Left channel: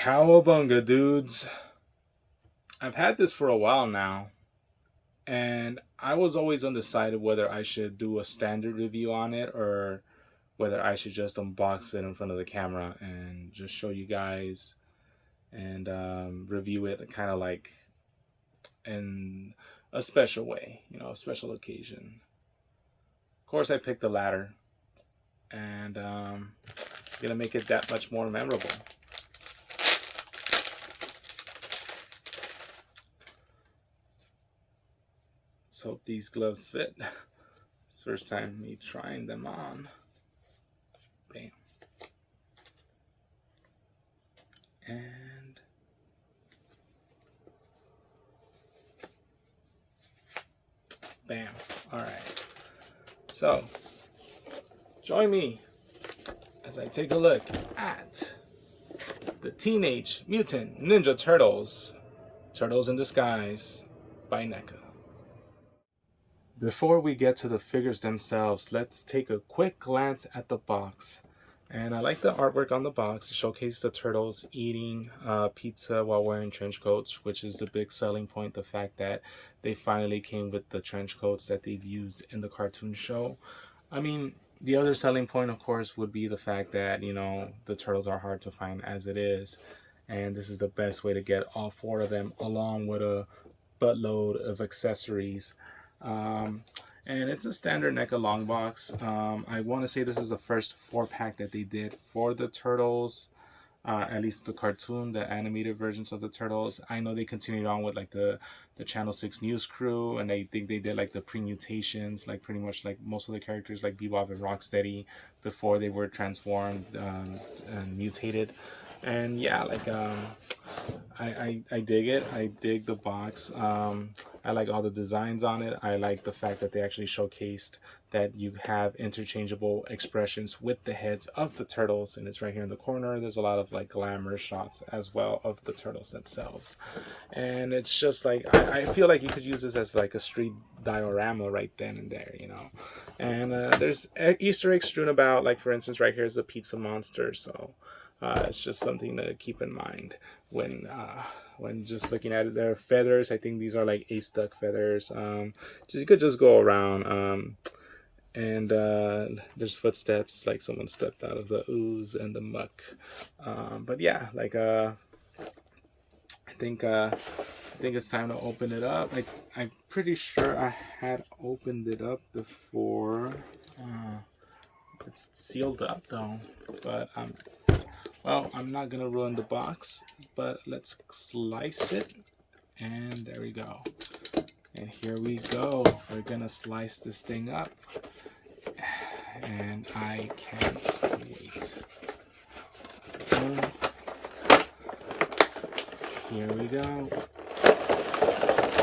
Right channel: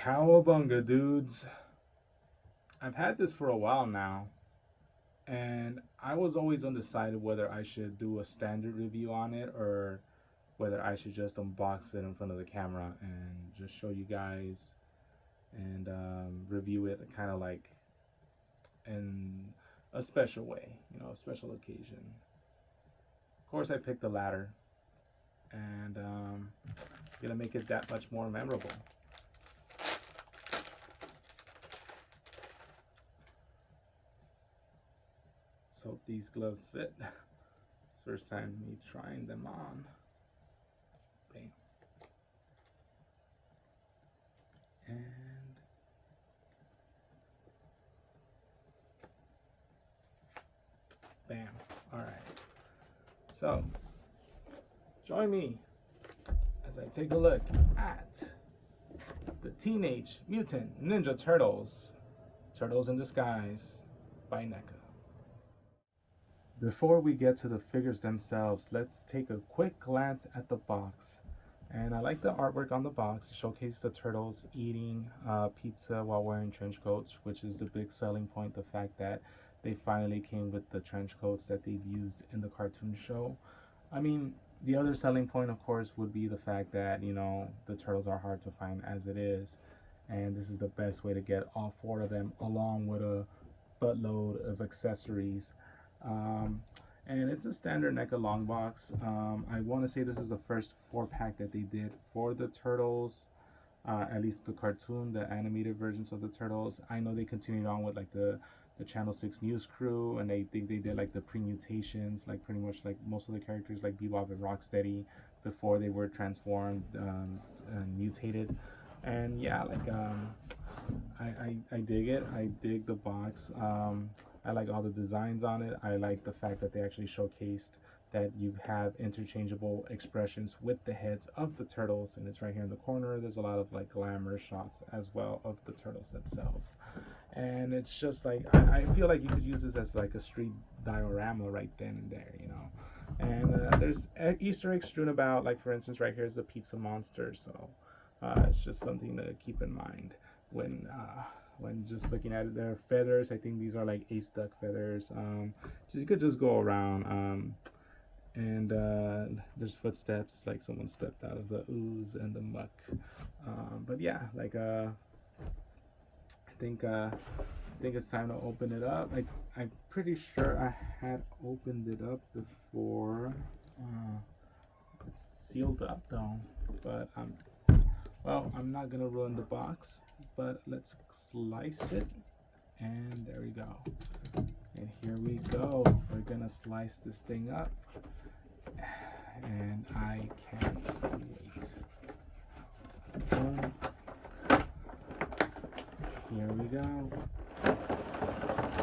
Cowabunga, dudes. I've had this for a while now, and I was always undecided whether I should do a standard review on it or whether I should just unbox it in front of the camera and just show you guys and review it kind of like in a special way, a special occasion. Of course, I picked the latter, and gonna make it that much more memorable. Let's hope these gloves fit. It's first time me trying them on. Bam. And bam. All right. So join me as I take a look at the Teenage Mutant Ninja Turtles, Turtles in Disguise by NECA. Before we get to the figures themselves, let's take a quick glance at the box. And I like the artwork on the box. It showcases the turtles eating pizza while wearing trench coats, which is the big selling point, the fact that they finally came with the trench coats that they've used in the cartoon show. I mean, the other selling point, of course, would be the fact that, the turtles are hard to find as it is. And this is the best way to get all four of them, along with a buttload of accessories. Um, and it's a standard NECA long box. I want to say this is the first 4-pack that they did for the Turtles, at least the cartoon, the animated versions of the Turtles. I know they continued on with like the Channel 6 News Crew, and I think they did like the pre-mutations, like pretty much like most of the characters like Bebop and Rocksteady before they were transformed and mutated. And yeah, like I dig it. I dig the box. I like all the designs on it. I like the fact that they actually showcased that you have interchangeable expressions with the heads of the turtles, and it's right here in the corner. There's a lot of like glamour shots as well of the turtles themselves, and it's just like I feel like you could use this as like a street diorama right then and there. And there's Easter eggs strewn about, like for instance right here is the pizza monster, so it's just something to keep in mind when just looking at it. There are feathers. I think these are like ace duck feathers. You could just go around. And there's footsteps, like someone stepped out of the ooze and the muck. But yeah, like I think it's time to open it up. I'm pretty sure I had opened it up before. It's sealed up though, but well, I'm not gonna ruin the box, but let's slice it, and there we go. And here we go. We're gonna slice this thing up, and I can't wait. Boom. Here we go.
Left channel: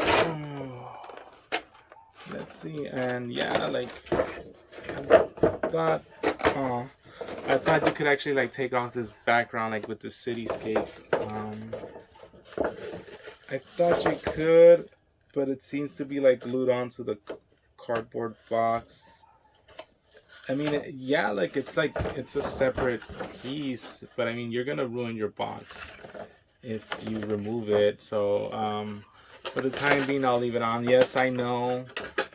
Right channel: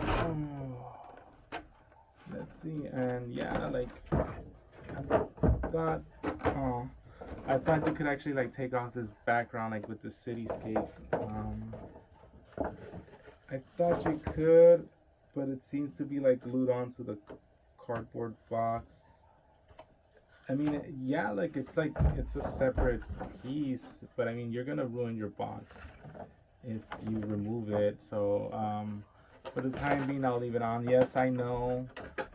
Oh. Let's see, and yeah, like thought. Oh. I thought you could actually like take off this background like with the cityscape. I thought you could, but it seems to be like glued onto the cardboard box. I mean, yeah, like it's a separate piece, but I mean you're gonna ruin your box if you remove it. So for the time being, I'll leave it on. Yes, I know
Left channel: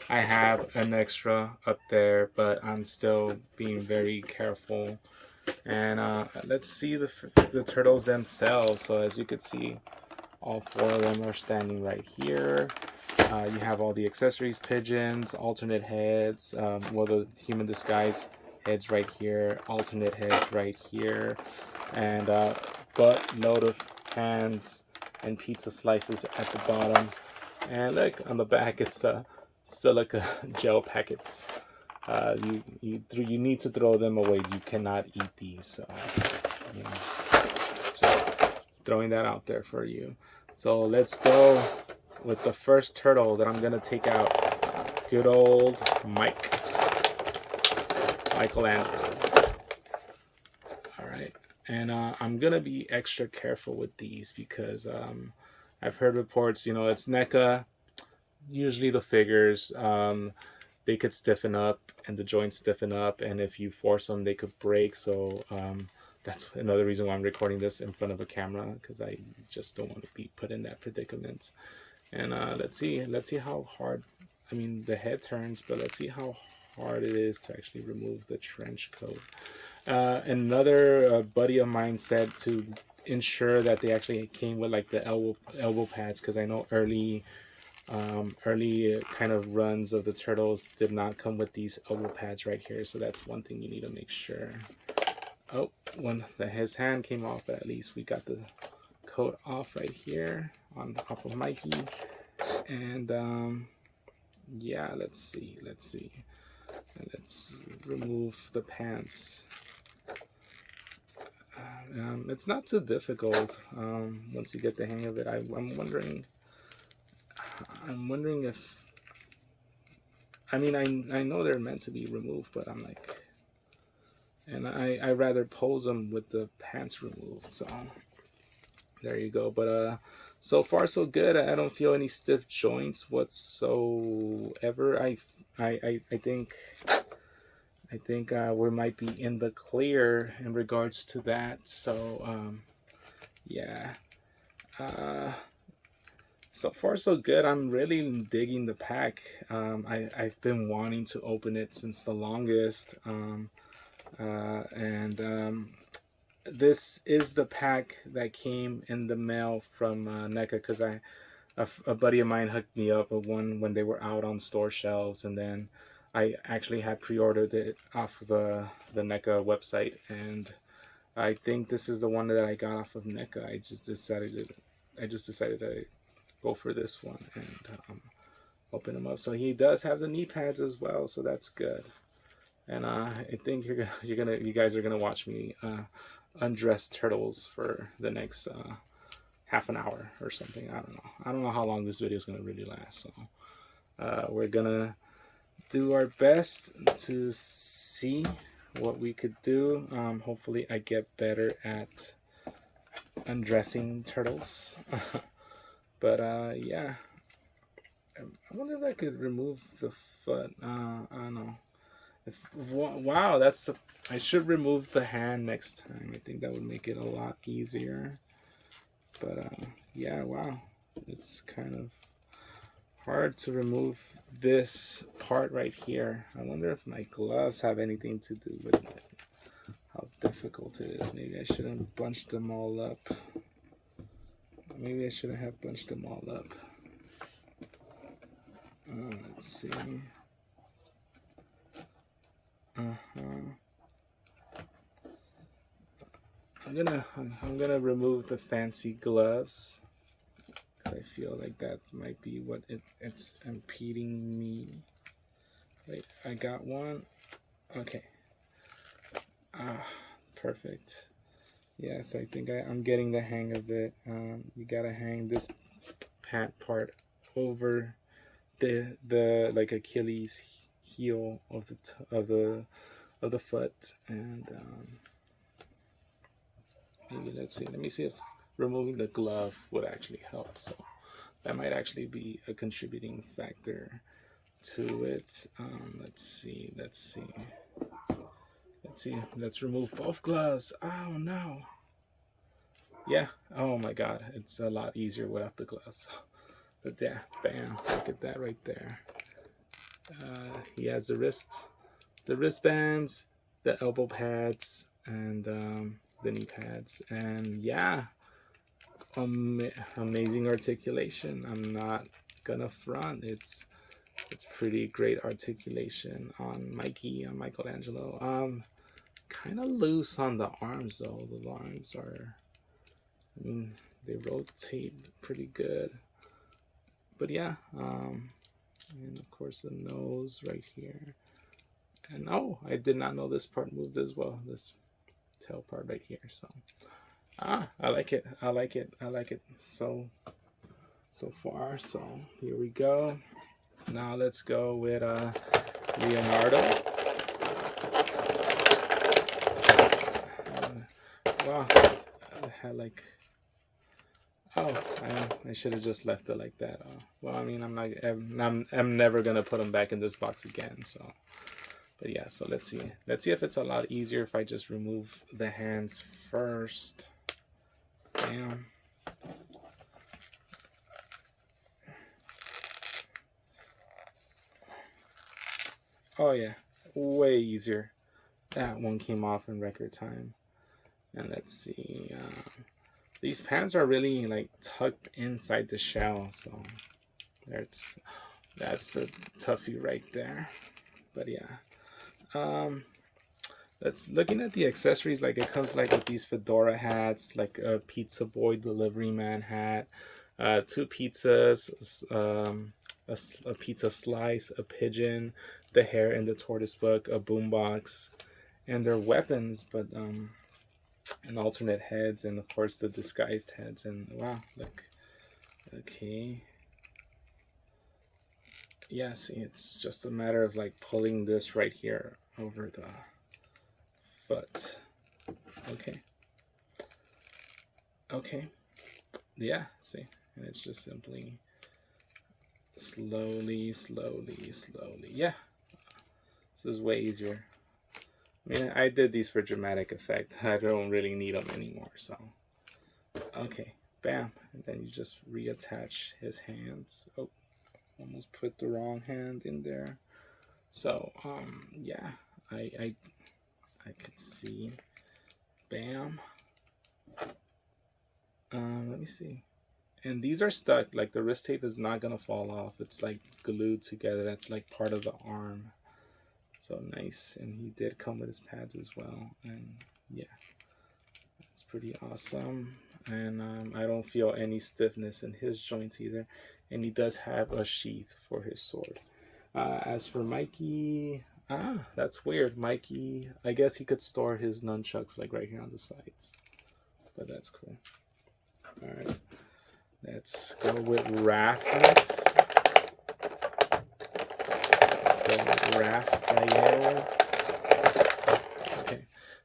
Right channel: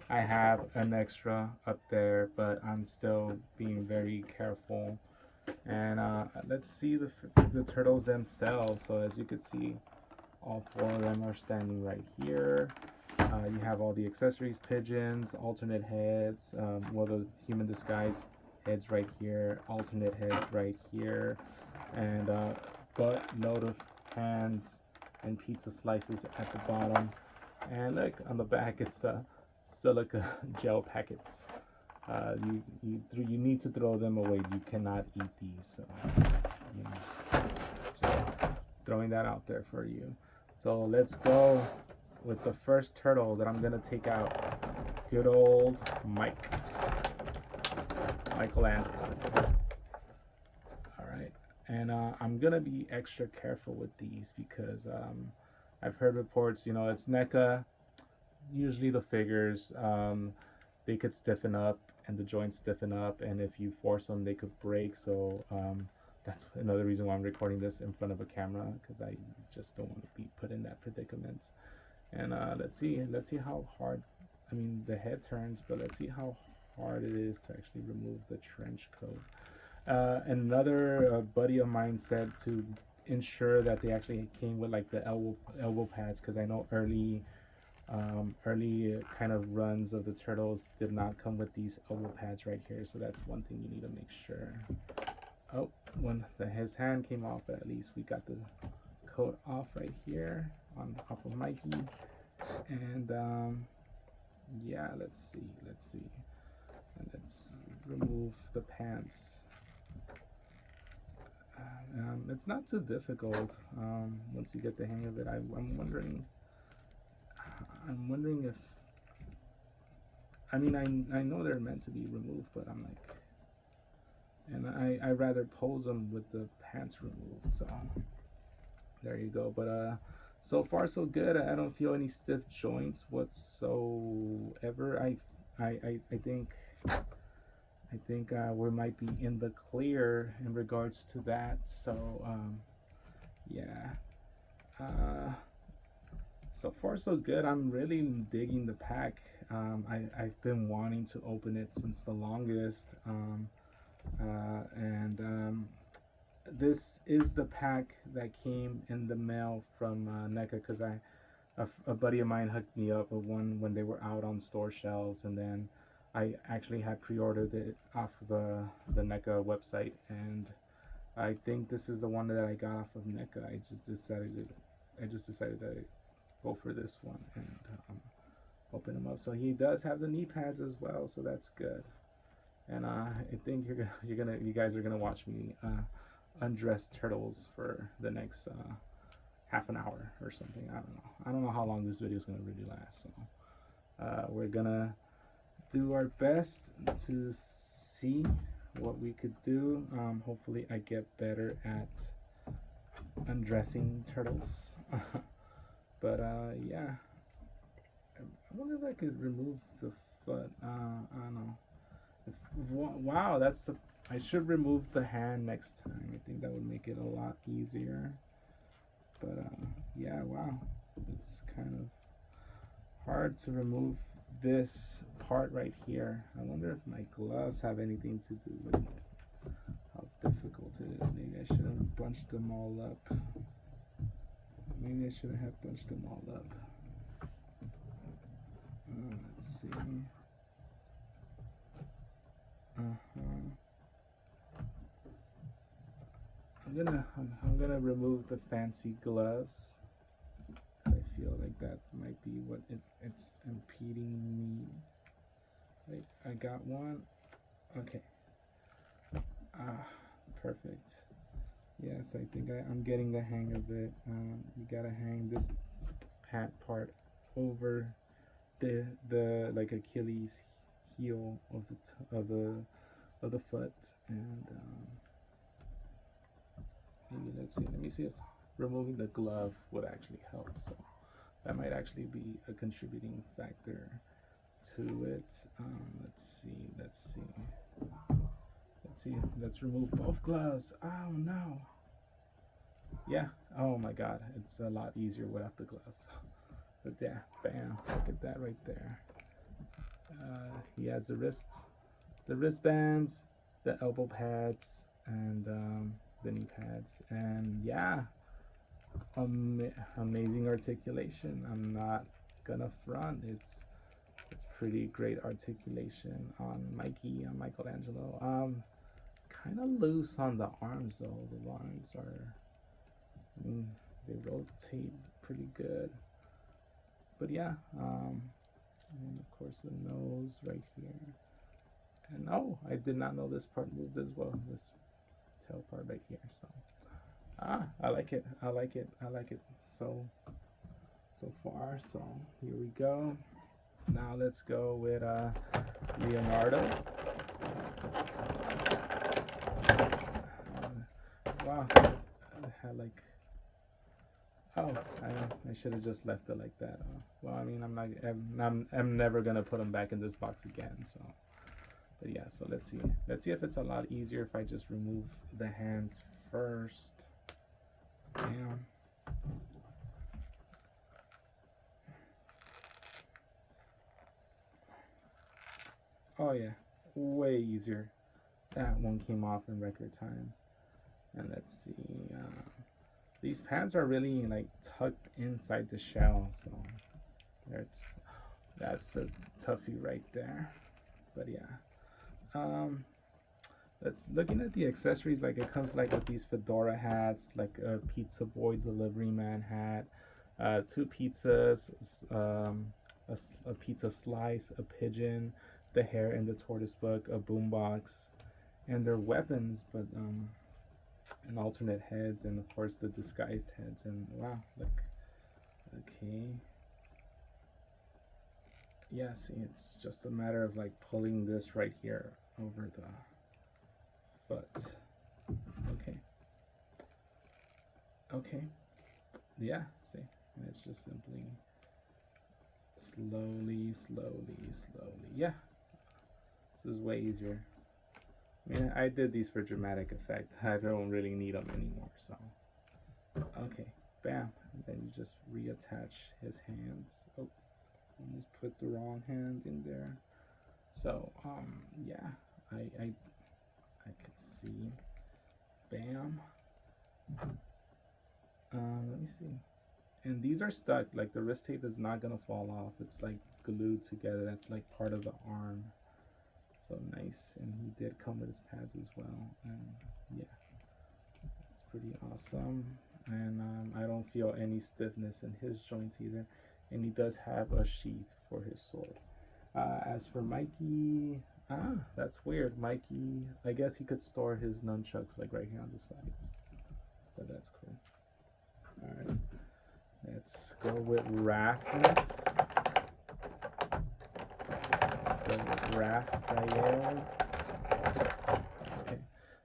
I have an extra up there, but I'm still being very careful. And let's see the turtles themselves. So as you can see, all four of them are standing right here. You have all the accessories, pigeons, alternate heads, well, the human disguise heads right here, alternate heads right here, and buttload of hands and pizza slices at the bottom. And look, on the back, it's silica gel packets. You need to throw them away. You cannot eat these. So, just throwing that out there for you. So let's go with the first turtle that I'm gonna take out. Good old Michelangelo. All right, and I'm gonna be extra careful with these because I've heard reports. It's NECA. Usually the figures, they could stiffen up and the joints stiffen up, and if you force them they could break. So that's another reason why I'm recording this in front of a camera, because I just don't want to be put in that predicament. And let's see how hard, I mean, the head turns, but let's see how hard it is to actually remove the trench coat. Another buddy of mine said to ensure that they actually came with like the elbow pads, because I know early kind of runs of the turtles did not come with these elbow pads right here, so that's one thing you need to make sure. Oh, when his hand came off, but at least we got the coat off right here off of Mikey. And yeah, let's see, and let's remove the pants. It's not too difficult once you get the hang of it. I'm wondering if, I mean, I know they're meant to be removed, but I'm like, and I rather pose them with the pants removed. So there you go. But so far so good. I don't feel any stiff joints whatsoever. I think we might be in the clear in regards to that. So yeah. So far so good. I'm really digging the pack. I've been wanting to open it since the longest. This is the pack that came in the mail from NECA, because a buddy of mine hooked me up with one when they were out on store shelves, and then I actually had pre-ordered it off the NECA website, and I think this is the one that I got off of NECA. I just decided to go for this one and open them up. So he does have the knee pads as well, so that's good. And I think you guys are gonna watch me undress turtles for the next half an hour or something. I don't know how long this video is gonna really last. So we're gonna do our best to see what we could do. Hopefully I get better at undressing turtles. But yeah, I wonder if I could remove the foot. I don't know. Wow, I should remove the hand next time. I think that would make it a lot easier. But yeah, wow, it's kind of hard to remove this part right here. I wonder if my gloves have anything to do with how difficult it is. Maybe I shouldn't bunch them all up. Maybe I shouldn't have bunched them all up. Let's see. I'm gonna remove the fancy gloves. I feel like that might be what it's impeding me. Wait, I got one. Okay. Perfect. Yes, I think I'm getting the hang of it. You gotta hang this pant part over the like Achilles heel of the foot, and maybe let me see if removing the glove would actually help. So that might actually be a contributing factor to it. Let's remove both gloves. Oh no. Yeah, oh my god, it's a lot easier without the gloves. But yeah, bam, look at that right there. He has the wristbands, the elbow pads, and the knee pads, and yeah, amazing articulation. I'm not gonna front. It's pretty great articulation on Michelangelo. Kind of loose on the arms though. The arms are, I mean, they rotate pretty good. But yeah, and of course the nose right here. And oh, I did not know this part moved as well. This tail part right here. So I like it. So far. So here we go. Now let's go with Leonardo. Wow, I had like, oh, I should have just left it like that. Well, I mean, I'm never gonna put them back in this box again. So, but yeah, so let's see if it's a lot easier if I just remove the hands first. Damn. Oh yeah, way easier. That one came off in record time. And let's see. These pants are really like tucked inside the shell, so that's a toughie right there. But yeah. Let's looking at the accessories. Like it comes like with these fedora hats, like a pizza boy delivery man hat, 2 pizzas, a pizza slice, a pigeon, the hair in the tortoise book, a boombox, and their weapons, but and alternate heads, and of course the disguised heads. And wow, look, okay, yeah. See, it's just a matter of like pulling this right here over the foot. Okay. Okay. Yeah, see, and it's just simply slowly. Yeah, this is way easier. I mean, I did these for dramatic effect. I don't really need them anymore, so. Okay, bam. And then you just reattach his hands. Oh, almost put the wrong hand in there. So, yeah, I could see. Bam. Let me see. And these are stuck. Like the wrist tape is not gonna fall off. It's like glued together. That's like part of the arm. So nice. And he did come with his pads as well. And yeah, it's pretty awesome. And I don't feel any stiffness in his joints either. And he does have a sheath for his sword. As for Mikey, that's weird. Mikey, I guess he could store his nunchucks like right here on the sides. But that's cool. All right. Let's go with Raph next. Let's go with Raphael. Okay.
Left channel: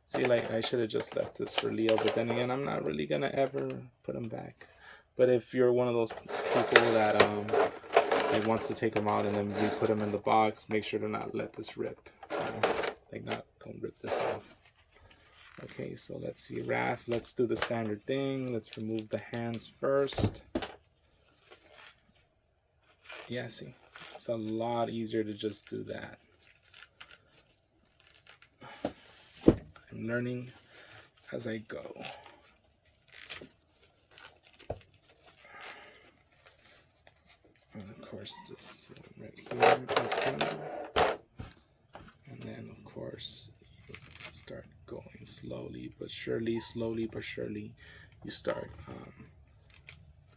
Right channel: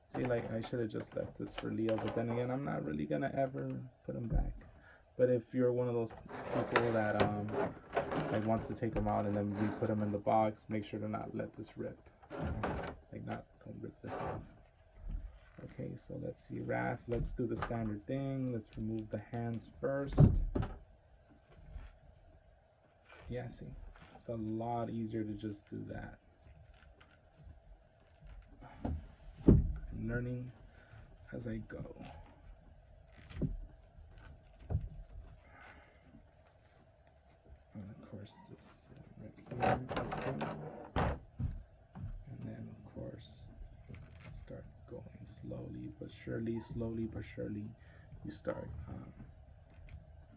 See, like, I should have just left this for Leo, but then again, I'm not really gonna ever put him back. But if you're one of those people that like wants to take him out and then we put him in the box, make sure to not let this rip. Don't rip this off. Okay, so let's see, Raph. Let's do the standard thing. Let's remove the hands first. Yeah, see, it's a lot easier to just do that. I'm learning as I go. And of course, this one right here. And then, of course, you start going slowly but surely, you start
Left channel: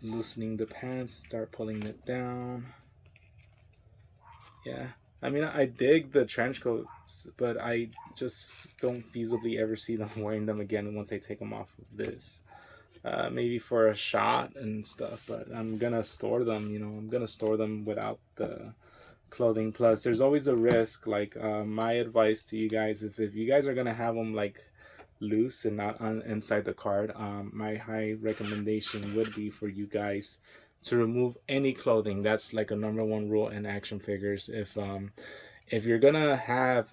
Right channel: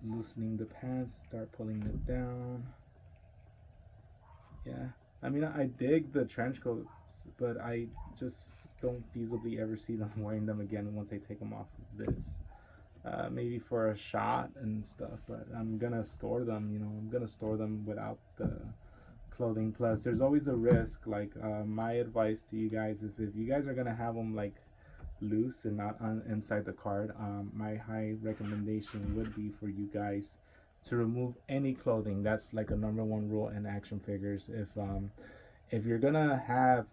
loosening the pants, start pulling it down. Yeah, I mean, I dig the trench coats, but I just don't feasibly ever see them wearing them again once I take them off of this. Maybe for a shot and stuff, but I'm gonna store them, I'm gonna store them without the clothing. Plus there's always a risk. Like my advice to you guys, if you guys are gonna have them like loose and not inside the card, my high recommendation would be for you guys to remove any clothing. That's like a #1 rule in action figures. If you're gonna have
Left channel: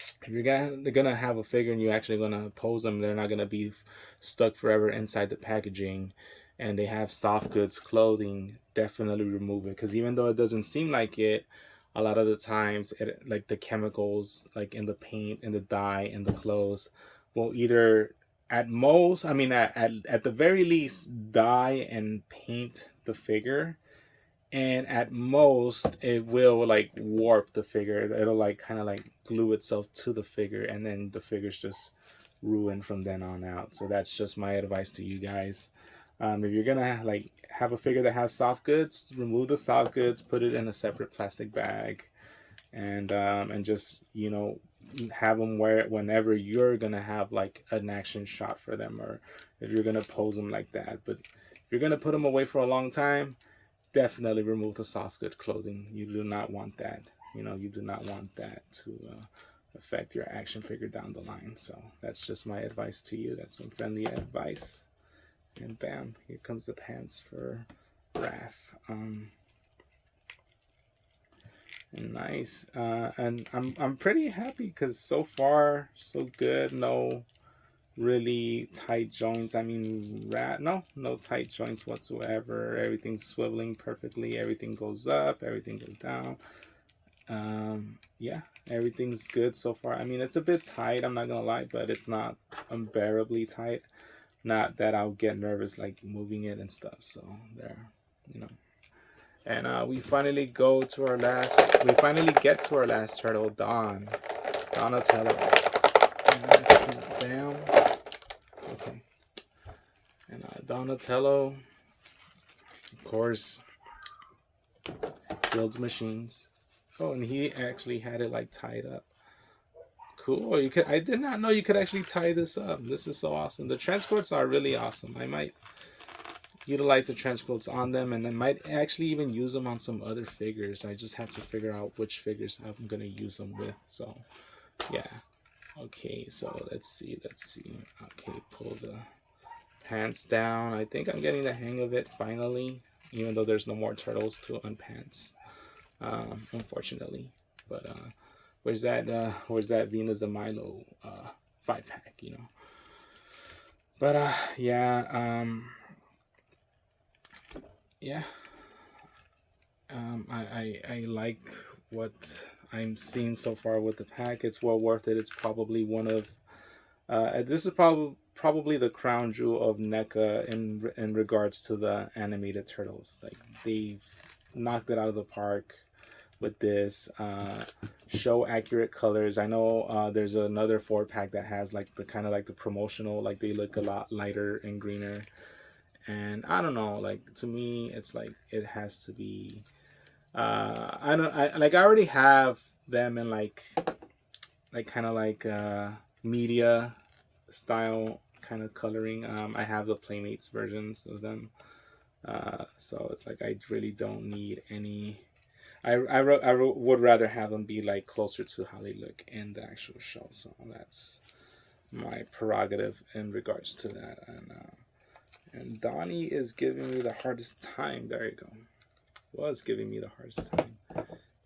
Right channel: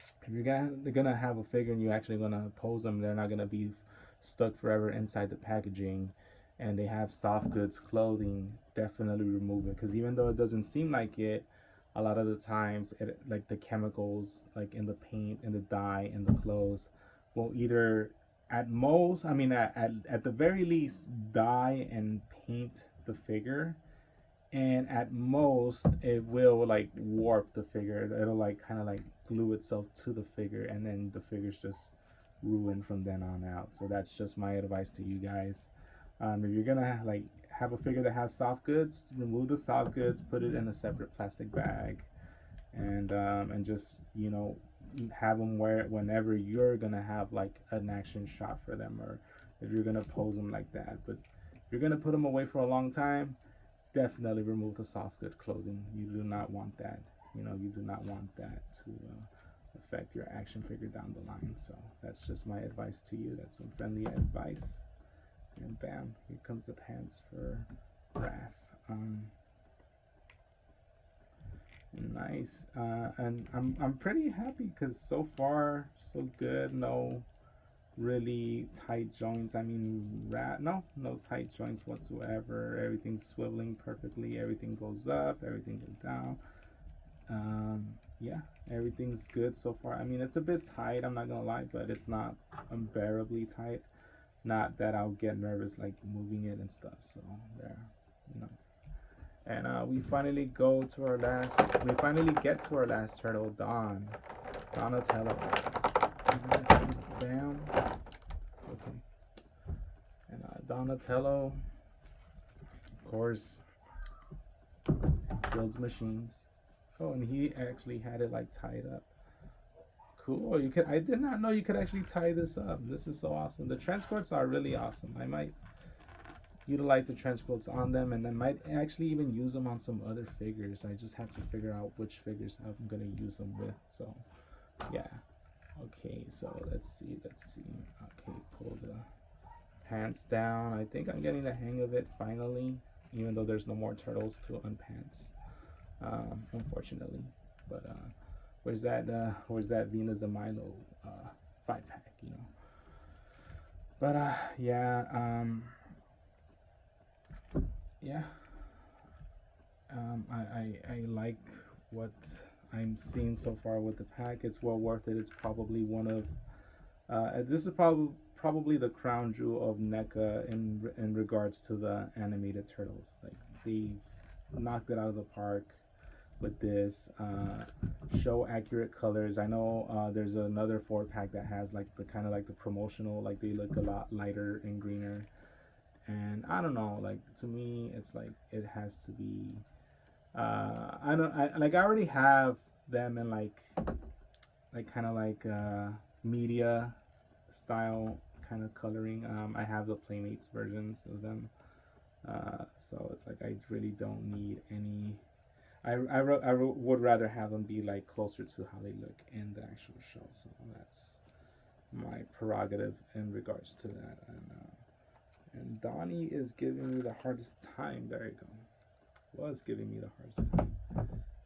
if you're gonna have a figure and you're actually gonna pose them, they're not gonna be stuck forever inside the packaging, and they have soft goods clothing, definitely remove it. Because even though it doesn't seem like it, a lot of the times like the chemicals like in the paint and the dye and the clothes will either at most, I mean at the very least, dye and paint the figure, and at most it will like warp the figure. It'll like kind of like glue itself to the figure, and then the figure's just ruined from then on out. So that's just my advice to you guys. If you're gonna like have a figure that has soft goods, remove the soft goods, put it in a separate plastic bag, and just have them wear it whenever you're gonna have like an action shot for them, or if you're gonna pose them like that. But if you're gonna put them away for a long time, definitely remove the soft good clothing. You do not want that. You do not want that to affect your action figure down the line. So that's just my advice to you. That's some friendly advice. And bam, here comes the pants for Raph. Nice. And I'm pretty happy because so far so good. No really tight joints. I mean, no tight joints whatsoever. Everything's swiveling perfectly. Everything goes up. Everything goes down. Yeah, everything's good so far. I mean, it's a bit tight, I'm not gonna lie, but it's not unbearably tight. Not that I'll get nervous like moving it and stuff. So there, you know. And we finally get to our last turtle, Donatello. Bam. Okay. And Donatello, of course, builds machines. Oh, and he actually had it like tied up. Cool. You could. I did not know you could actually tie this up. This is so awesome. The transports are really awesome. I might utilize the transports on them, and I might actually even use them on some other figures. I just had to figure out which figures I'm gonna use them with. So, yeah. Okay. So let's see. Okay. Pull the pants down. I think I'm getting the hang of it finally. Even though there's no more turtles to unpants, unfortunately. But where's that Venus de Milo 5-pack, you know? But yeah, I like what I'm seeing so far with the pack. It's well worth it. It's probably one of this is probably the crown jewel of NECA in regards to the animated turtles. Like, they've knocked it out of the park with this. Show accurate colors. I know there's another 4-pack that has like the kind of like the promotional, like they look a lot lighter and greener. And I don't know, like, to me it's like it has to be I already have them in like kind of like media style kind of coloring. I have the Playmates versions of them, so it's like I really don't need any. I would rather have them be like closer to how they look in the actual show. So that's my prerogative in regards to that. And Donnie is giving me the hardest time. There you go. Was giving me the hardest time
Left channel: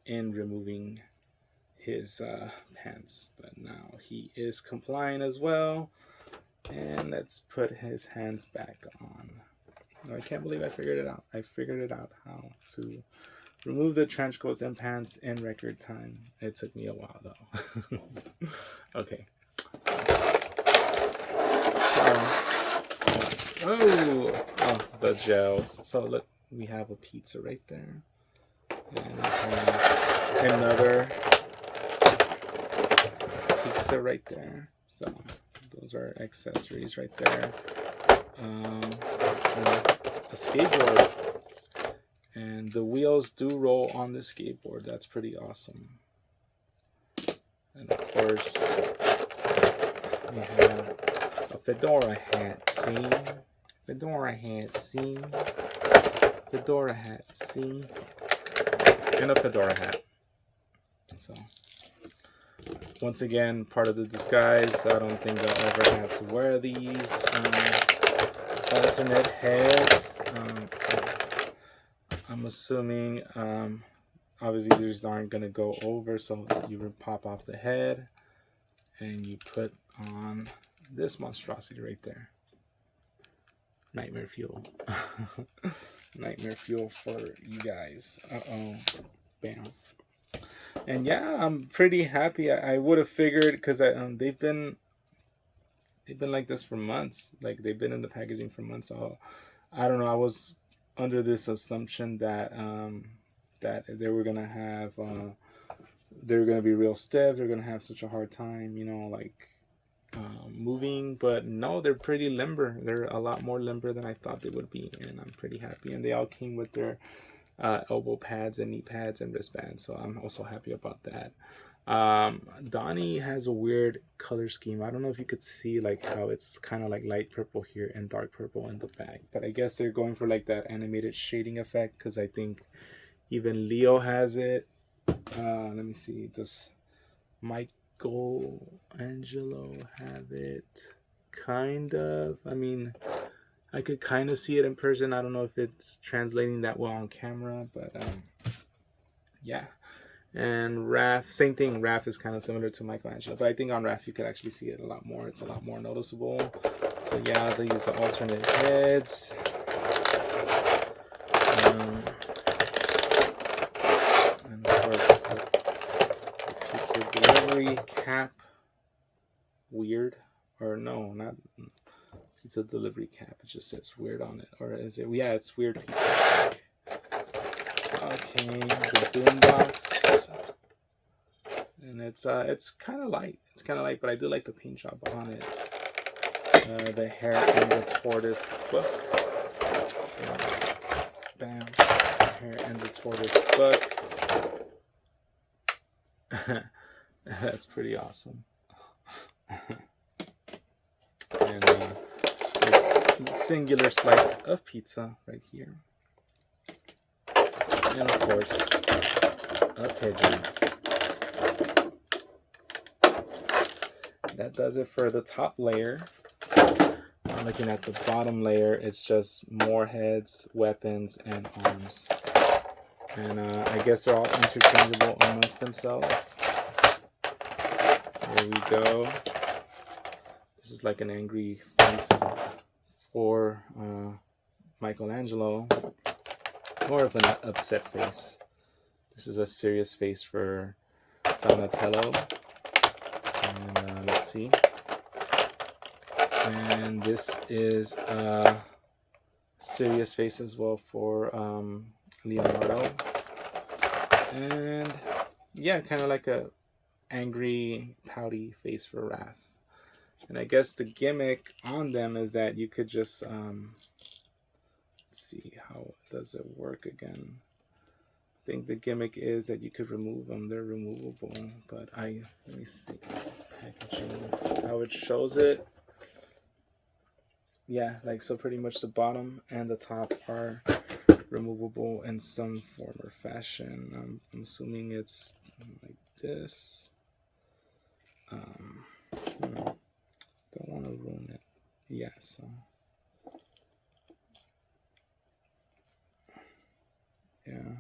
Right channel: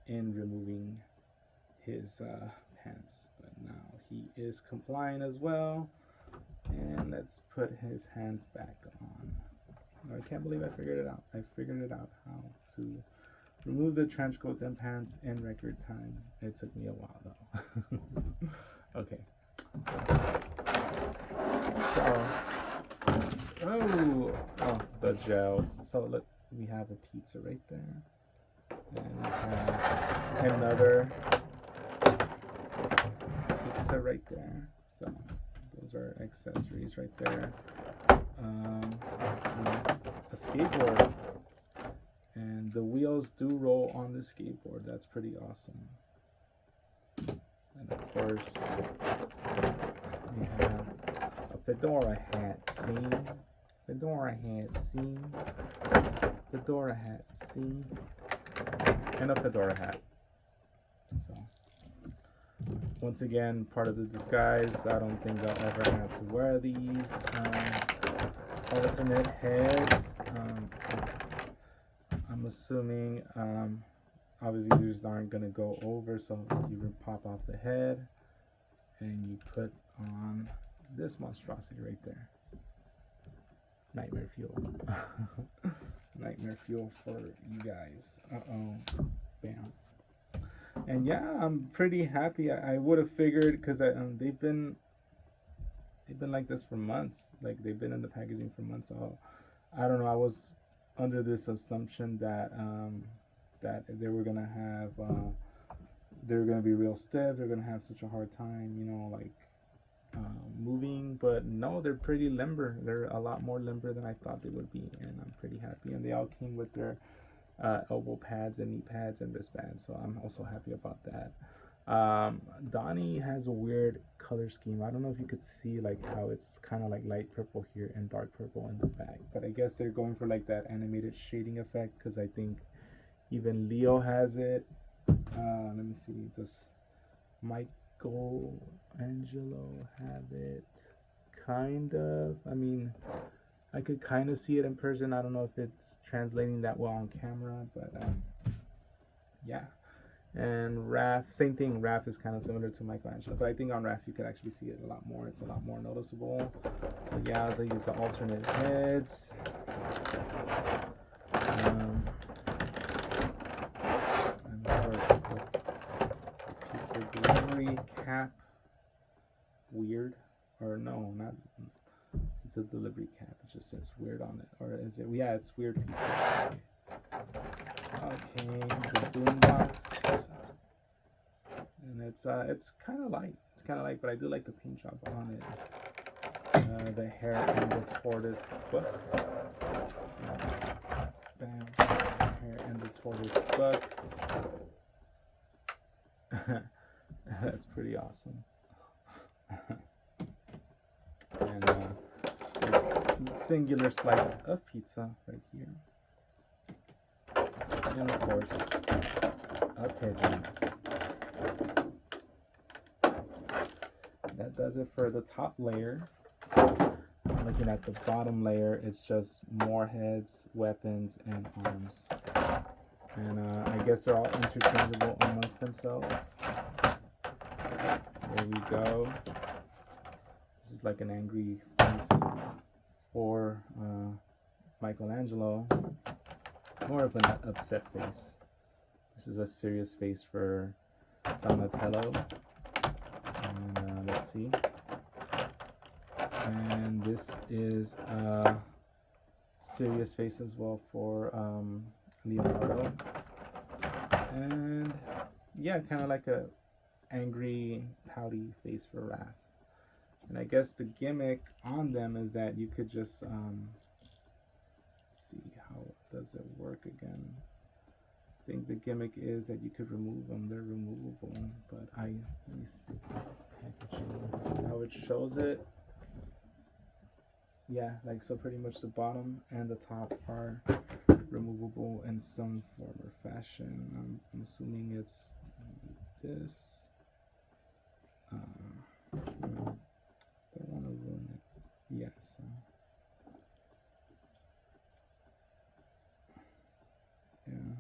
in removing his pants, but now he is compliant as well. And let's put his hands back on. I can't believe I figured it out. I figured it out how to remove the trench coats and pants in record time. It took me a while though. Okay. So, the gels. So look, we have a pizza right there, and we have another pizza right there. So those are accessories right there. It's a skateboard, and the wheels do roll on the skateboard. That's pretty awesome. And of course, we have a fedora hat. See, fedora hat. See, fedora hat. See, and a fedora hat. So, once again, part of the disguise. I don't think I'll ever have to wear these alternate heads. I'm assuming, obviously these aren't gonna go over, so you would pop off the head and you put on this monstrosity right there. Nightmare fuel. Nightmare fuel for you guys. Bam. And yeah, I'm pretty happy. I would have figured, because they've been like this for months. Like, they've been in the packaging for months. So I don't know. I was under this assumption that that they were gonna have they're gonna be real stiff. They're gonna have such a hard time, you know, like moving. But no, they're pretty limber. They're a lot more limber than I thought they would be, and I'm pretty happy. And they all came with their elbow pads and knee pads and wristbands, so I'm also happy about that. Donnie has a weird color scheme. I don't know if you could see like how it's kind of like light purple here and dark purple in the back, but I guess they're going for like that animated shading effect, because I think even Leo has it. Let me see, does Michelangelo have it? Kind of. I mean, I could kind of see it in person. I don't know if it's translating that well on camera, but yeah. And Raph, same thing. Raph is kind of similar to Michelangelo, but I think on Raph you could actually see it a lot more. It's a lot more noticeable. So yeah, these are alternate heads. And of course, the pizza delivery cap. Weird, or no, not pizza delivery cap. It just says weird on it, or is it? Yeah, it's weird pizza. Okay, the boombox, and it's kind of light. It's kind of light, but I do like the paint job on it. The hare and the tortoise book. Bam, hare and the tortoise book. That's pretty awesome. And this singular slice of pizza right here. And of course, a pigeon. That does it for the top layer. Looking at the bottom layer, it's just more heads, weapons, and arms. And I guess they're all interchangeable amongst themselves. There we go. This is like an angry face for Michelangelo. More of an upset face. This is a serious face for Donatello. And let's see. And this is a serious face as well for Leonardo. And yeah, kind of like a angry, pouty face for Raph. And I guess the gimmick on them is that you could just let's see, how does it work again? I think the gimmick is that you could remove them. They're removable, but let me see packaging, how it shows it. Yeah, like so pretty much the bottom and the top are removable in some form or fashion. I'm assuming it's like this. Don't want to ruin it. Yeah, so yeah.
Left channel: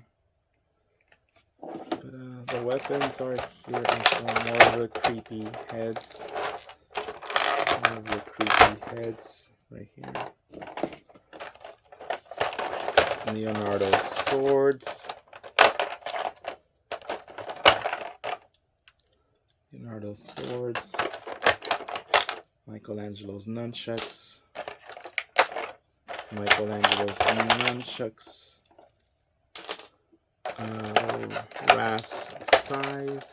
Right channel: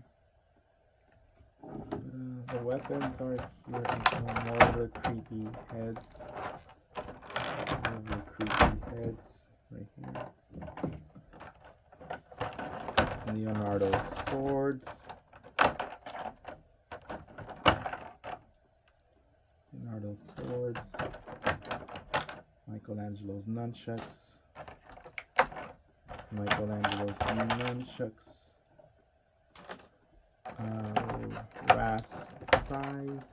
But the weapons are here. More of the creepy heads. More of the creepy heads right here. Leonardo's swords. Leonardo's swords. Michelangelo's nunchucks. Michelangelo's nunchucks. Raph's size.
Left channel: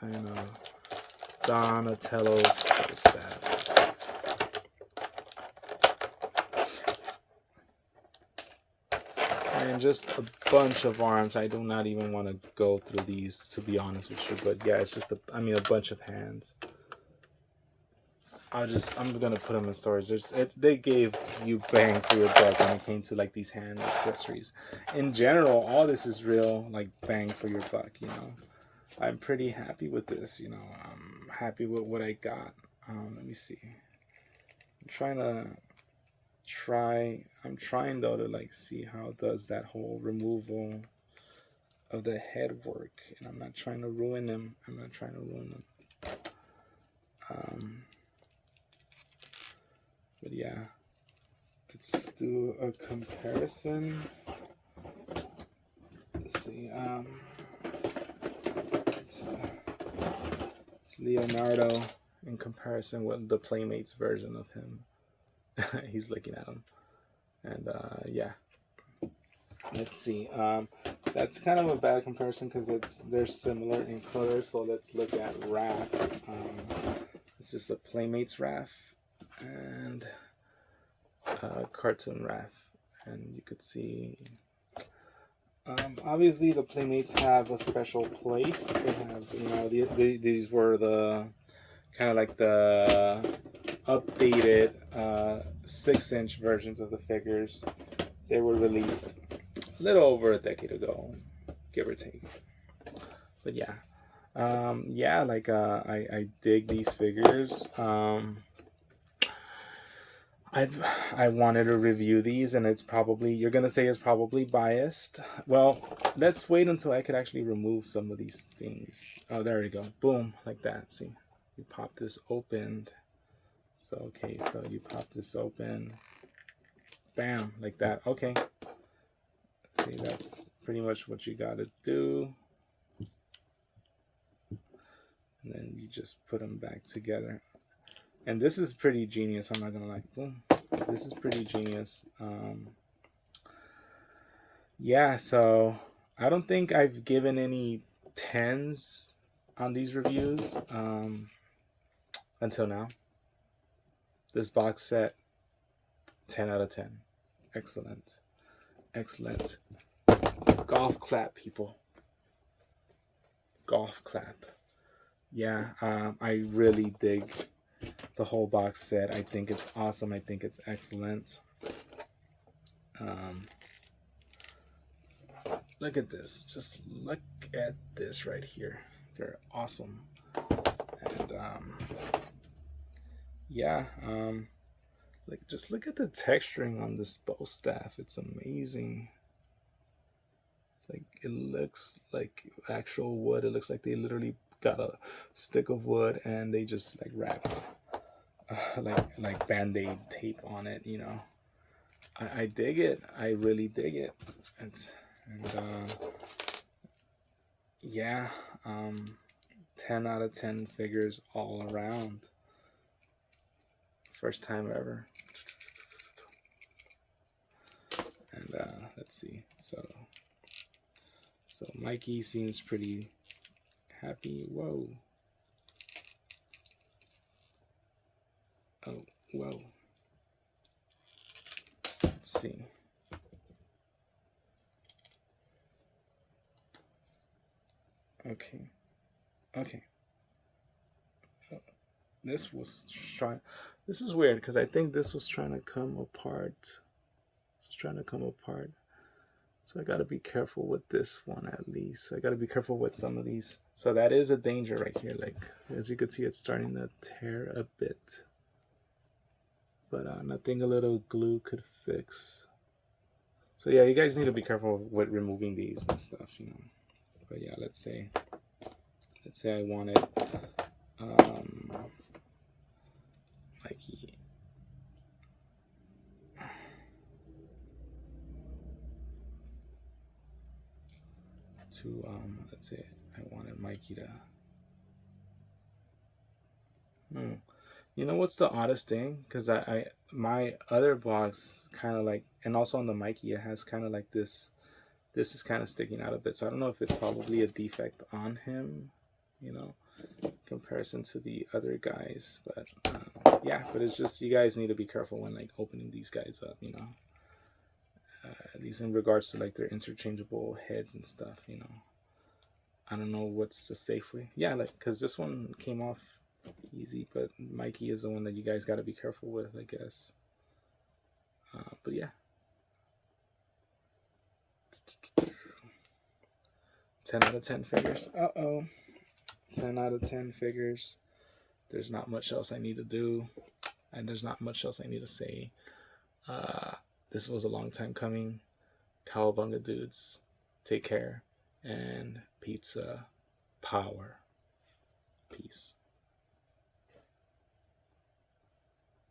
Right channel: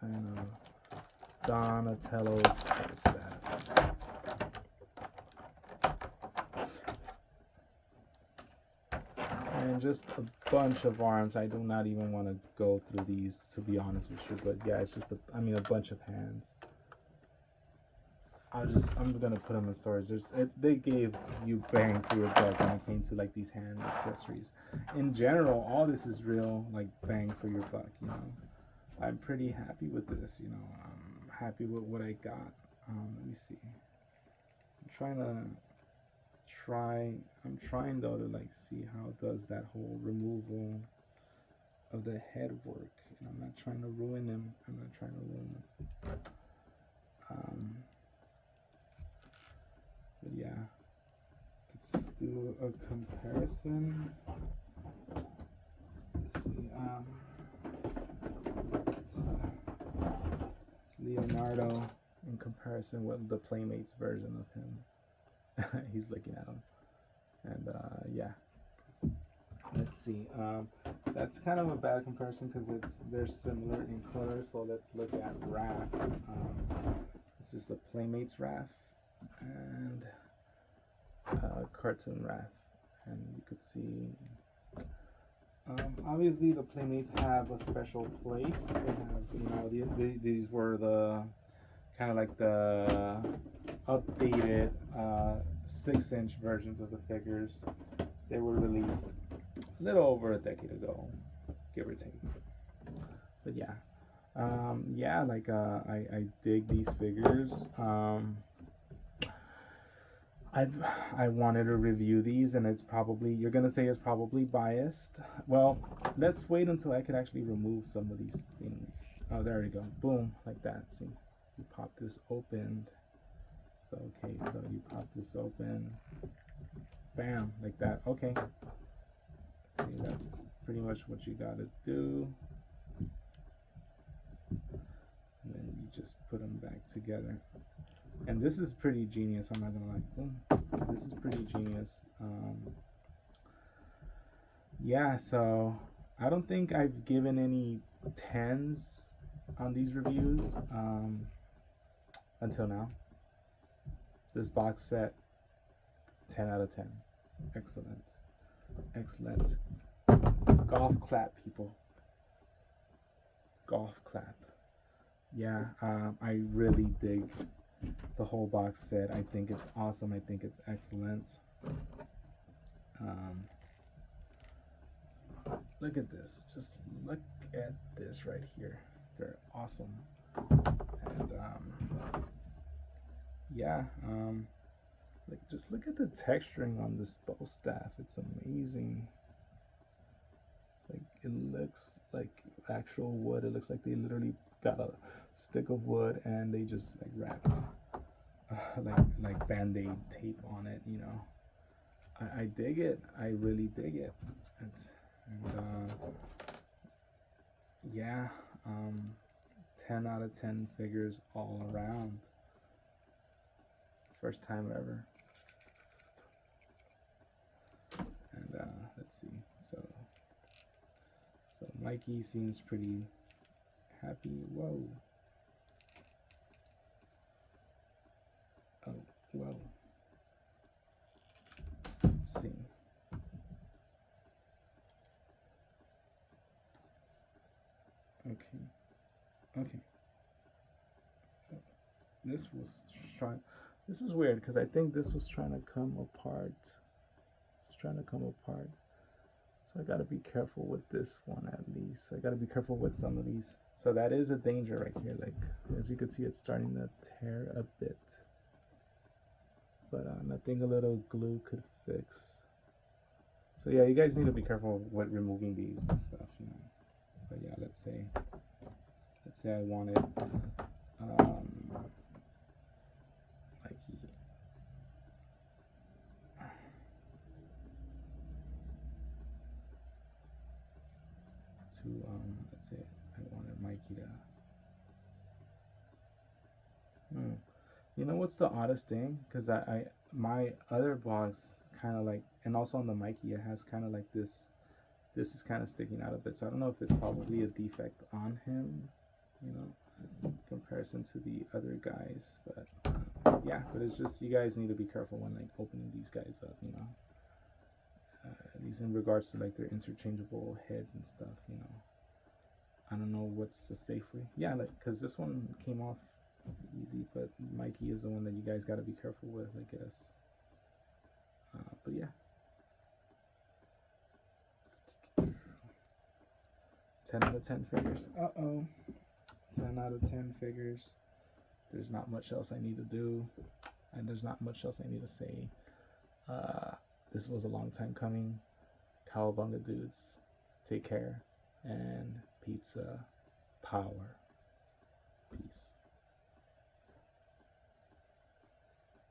And Donatello's staff. And just a bunch of arms. I do not even want to go through these, to be honest with you. But yeah, it's just a bunch of hands. I'm gonna put them in storage. They gave you bang for your buck when it came to like these hand accessories. In general, all this is real like bang for your buck. You know, I'm pretty happy with this. You know, I'm happy with what I got. Let me see. I'm trying though to like see how does that whole removal of the head work, and I'm not trying to ruin them. But yeah, let's do a comparison. Let's see. It's Leonardo in comparison with the Playmates version of him. He's looking at him, and yeah. Let's see. That's kind of a bad comparison because they're similar in color. So let's look at Raph. This is the Playmates Raph and cartoon Raph, and you could see. Obviously, the Playmates have a special place. They have, these were the kind of like the updated 6-inch versions of the figures. They were released a little over a decade ago, give or take. But yeah, I dig these figures. I wanted to review these, and it's probably, you're gonna say it's probably biased. Well, let's wait until I could actually remove some of these things. Oh, there we go. Boom, like that. See, you pop this open. So okay, so you pop this open. Bam, like that. Okay. See, that's pretty much what you gotta do. And then you just put them back together. And this is pretty genius, I'm not gonna lie. Boom. This is pretty genius. Yeah, so I don't think I've given any 10s on these reviews until now. This box set, 10 out of 10. Excellent. Excellent. Golf clap, people. Golf clap. Yeah, I really dig the whole box set. I think it's awesome. I think it's excellent. Look at this. Just look at this right here. They're awesome. And yeah, like just look at the texturing on this bow staff. It's amazing. Like it looks like actual wood. It looks like they literally got a stick of wood and they just like wrapped like band-aid tape on it, you know. I dig it. I really dig it. And yeah, 10 out of 10 figures all around. First time ever. And let's see. So Mikey seems pretty happy. Whoa. Oh, whoa. Let's see. Okay. Okay. This was trying. This is weird because I think this was trying to come apart. It's trying to come apart. So I got to be careful with this one at least. I got to be careful with some of these. So that is a danger right here. Like, as you can see, it's starting to tear a bit. But nothing a little glue could fix. So yeah, you guys need to be careful with removing these and stuff, you know. But yeah, let's say I wanted Mikey to let's say I wanted Mikey to you know what's the oddest thing? Because I my other box kind of like, and also on the Mikey, it has kind of like this is kind of sticking out a bit. So I don't know if it's probably a defect on him, you know, in comparison to the other guys. But yeah, but it's just, you guys need to be careful when like opening these guys up, you know. At least in regards to like their interchangeable heads and stuff, you know. I don't know what's the safe way. Yeah, like, because this one came off easy, but Mikey is the one that you guys got to be careful with, I guess. But yeah. 10 out of 10 figures. 10 out of 10 figures. There's not much else I need to do, and there's not much else I need to say. This was a long time coming. Cowabunga dudes, take care, and pizza power. Peace.